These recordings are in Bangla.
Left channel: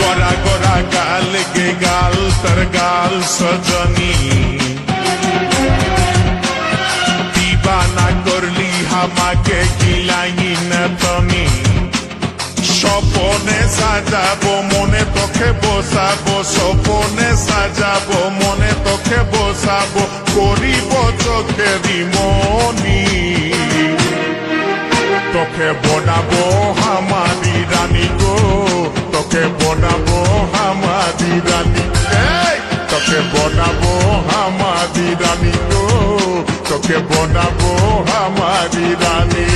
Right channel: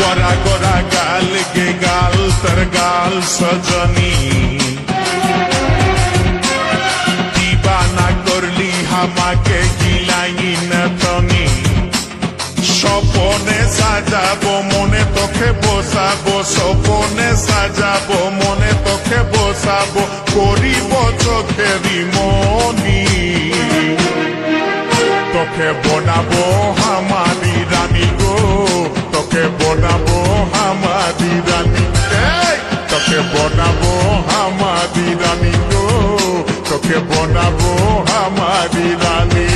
गोरा गोरा गाल गे गाल तर गाल सजनी दीवाना करली हमाके गिलाई न तनी স্বপনে সাজাবো মনে তোকে বসাবো স্বপনে সাজাবো মনে তোকে বসাবো করিব চোখেরি মনি তোকে বনাবো হামারি রানী গো তোকে বনাবো হামারি রানী তোকে বনাবো হামারি রানী গো তোকে বনাবো হামারি রানী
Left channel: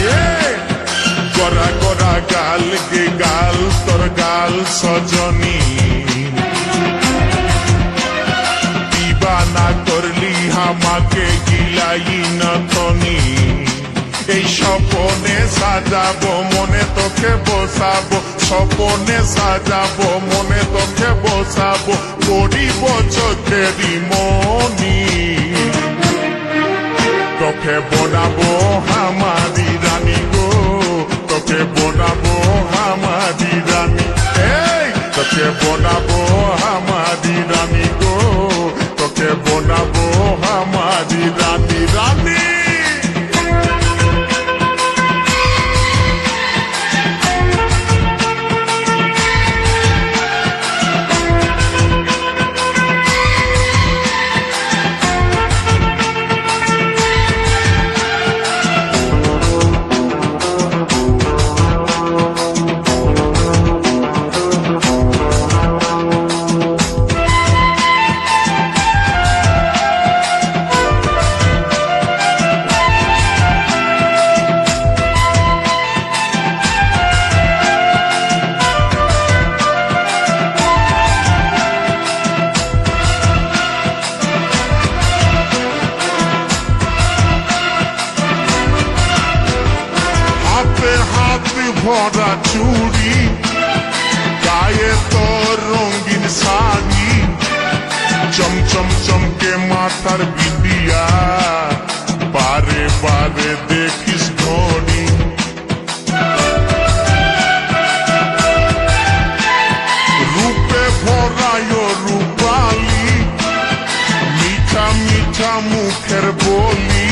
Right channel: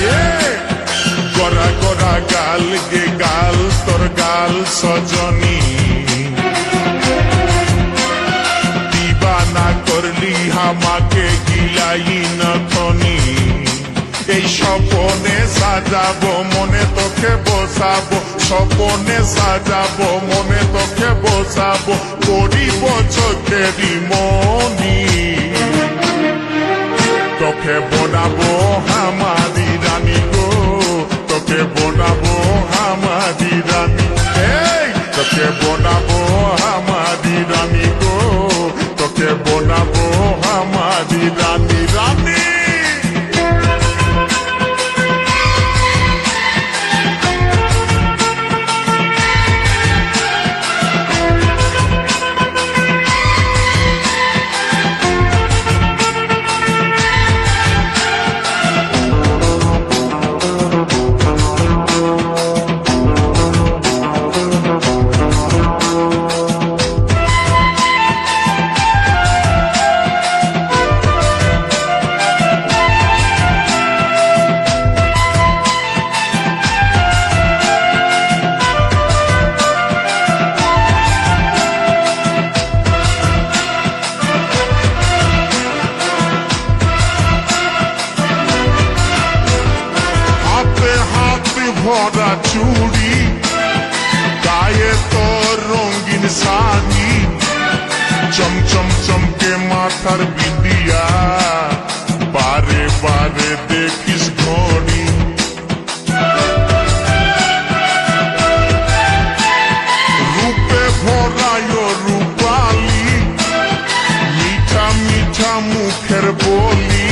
गोरा गोरा गाल गे गाल तोर गाल सजनी दीवाना करली हमाके गिलाई न थनी এই স্বপনে সাজাবো মনে তোকে বসাবো স্বপনে সাজাবো মনে তোকে বসাবো করিব চোখেরি মনি তোকে বনাবো হামারি রানী গো তোকে বনাবো হামারি রানী তোকে বনাবো হামারি রানী গো তোকে বনাবো হামারি রানী রানী हाथ भरा चूड़ी गाये तो रंगीन साड़ी चम चम चमके माथार बिंदिया बारे बारे देखिस घड़ी रूपे भरायो रूपाली मीठा मीठा मुखेर बोली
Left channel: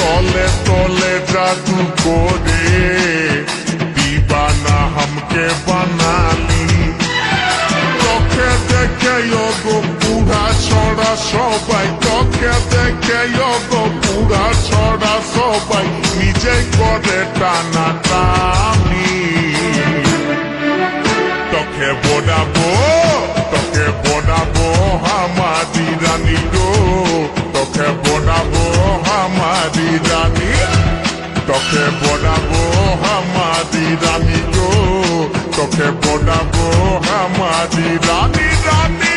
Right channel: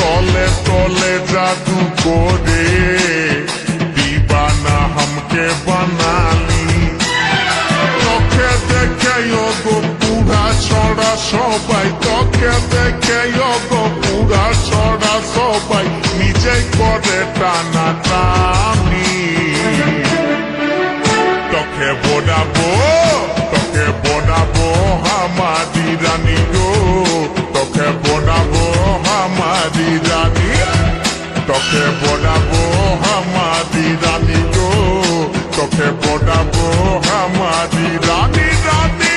तोले तोले जादू कोरे दीवाना हमके बनाली তোকে দেখে গো পুরা ছড়া সবাই তোকে দেখে গো পুরা ছড়া সবাই নিজেই করে টানা টানি তোকে বনাবো হামারি রানী গো তোকে বনাবো হামারি রানী তোকে বনাবো হামারি রানী গো তোকে বনাবো হামারি রানী রানী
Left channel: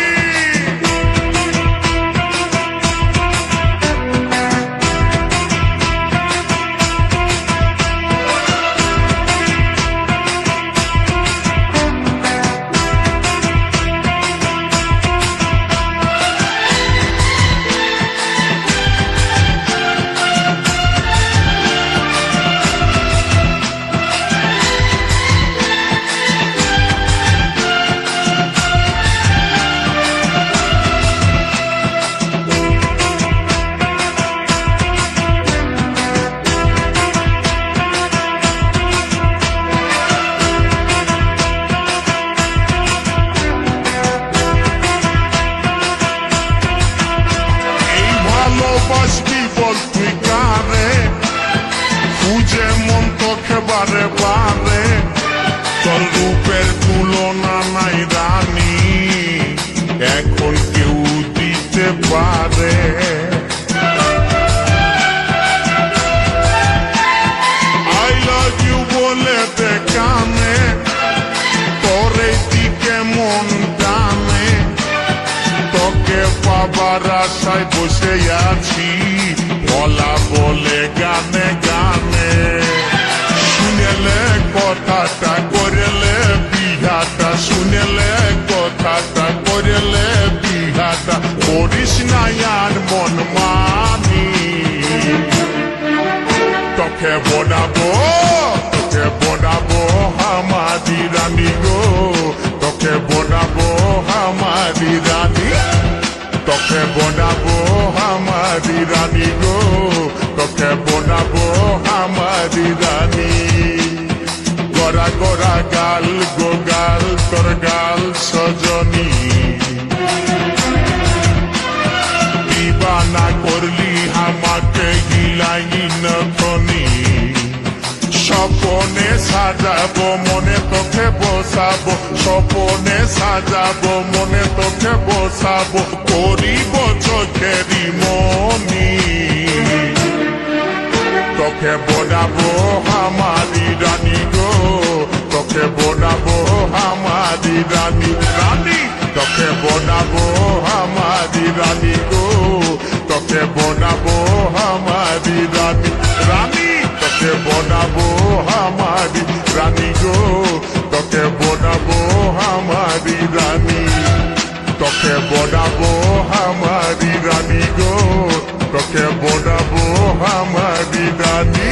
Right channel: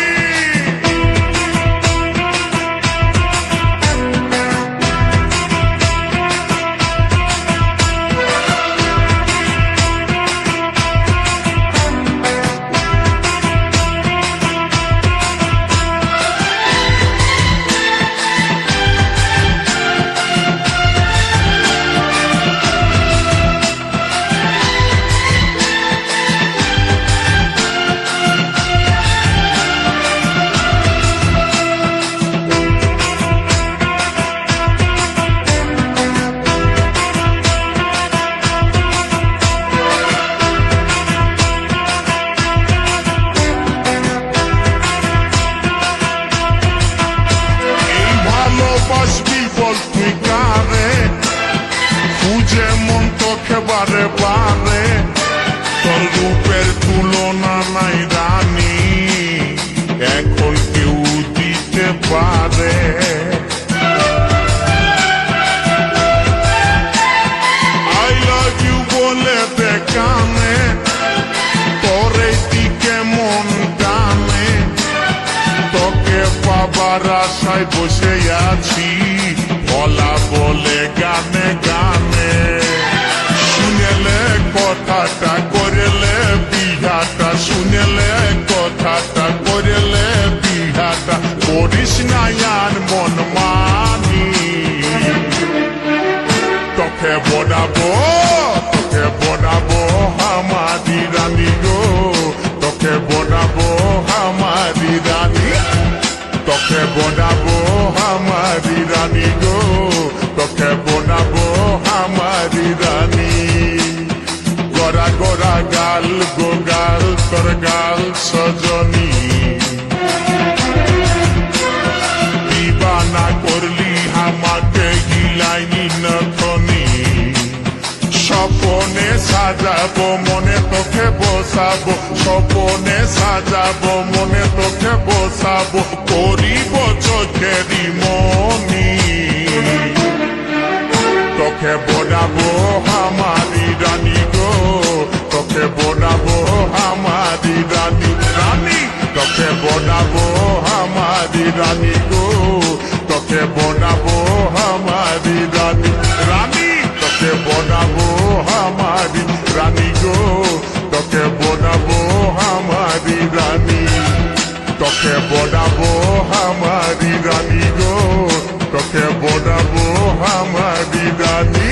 ভালোবাসবি বল তুই কারে খুঁজে মন তোকে বারে বারে তোর রূপের তুলনা নাই রানী এখন কেউ দিতে পারে আই লাভ ইউ বলে দে কানে তোর এই দিকে মন টানে তোকে পাবার আশায় বসে আছি বলা বলে গানে গানে শুনেলে কথাটা করেলে বিহাটা শুনেলে কথাটা করেলে বিহাটা করিস না আর মন মানি তোকে বনাবো তোকে বনাবো আমারি রানী গো, তোকে বনাবো আমারি রানী, তোকে বনাবো আমারি রানী গো, তোকে বনাবো আমারি রানী। গোরা গোরা গাল গো গাল, তোর গাল সজনী, দিবানা করলি আমাকে হিলাইনি নখনি। স্বপনে সাজাবো মনে তোকে বসাবো, স্বপনে সাজাবো মনে তোকে বসাবো, করিব চোখেরি মনি। তোকে বনাবো আমারি রানী গো, তোকে বনাবো আমারি রানী, রানী তোকে বনাবো আমারি রানী গো, তোকে বনাবো আমারি রানী, রানী তোকে বনাবো আমারি রানী গো, তোকে বনাবো আমারি রানী, তোকে বনাবো আমারি রানী গো, তোকে বনাবো আমারি রানী।